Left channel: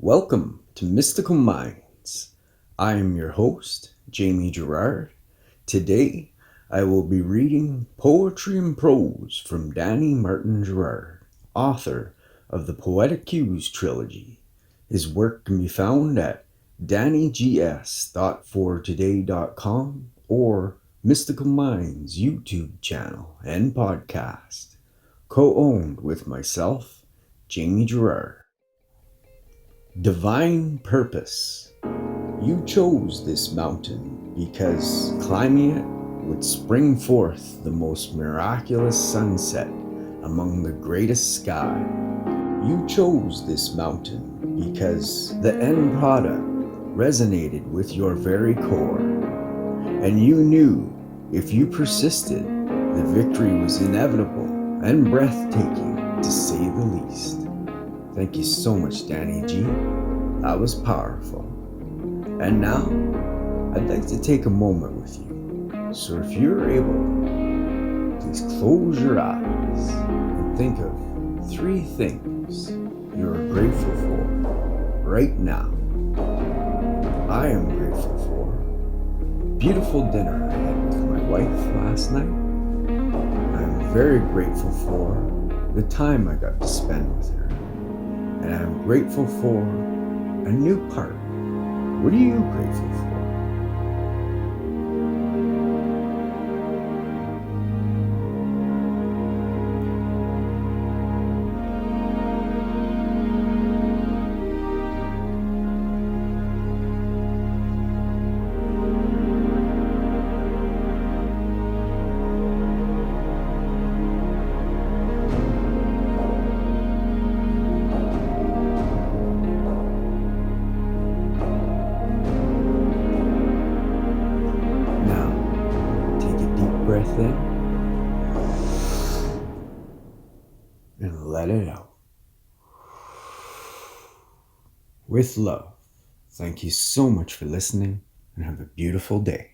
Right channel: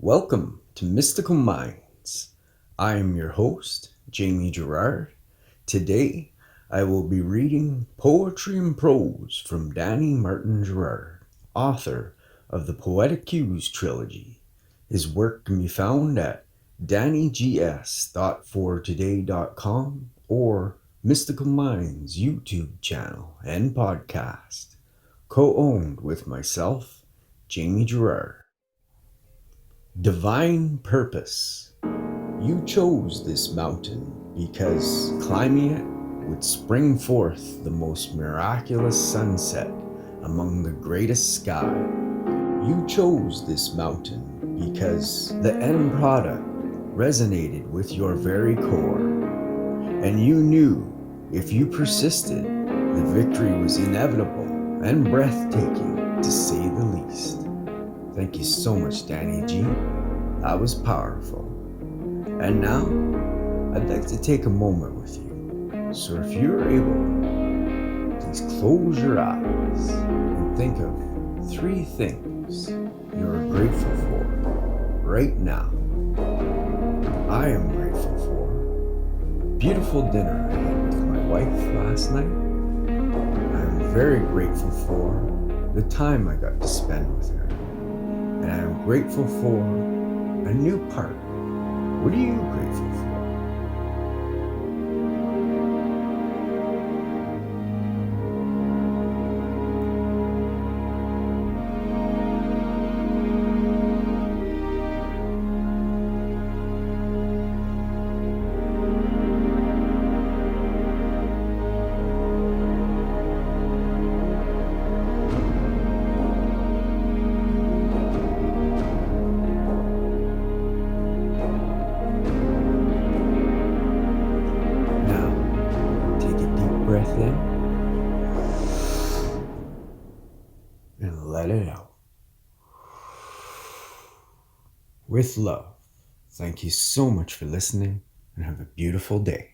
Welcome to Mystical Minds. I am your host, Jamie Gerard. Today, I will be reading poetry and prose from Danny Martin Gerard, author of the Poetic Cues trilogy. His work can be found at dannygs.fortoday.com or Mystical Minds YouTube channel and podcast, co-owned with myself, Jamie Gerard. Divine purpose. You chose this mountain because climbing it would spring forth the most miraculous sunset among the greatest sky. You chose this mountain because the end product resonated with your very core, and you knew if you persisted, the victory was inevitable and breathtaking, to say the least. Thank you so much, Danny G. That was powerful. And now, I'd like to take a moment with you. So if you're able, please close your eyes and think of 3 things you're grateful for right now. I am grateful for the beautiful dinner I had with my wife last night. I am very grateful for the time I got to spend with her. And I'm grateful for a new park. What are you grateful for? Now, take a deep breath in and let it out. With love, thank you so much for listening and have a beautiful day.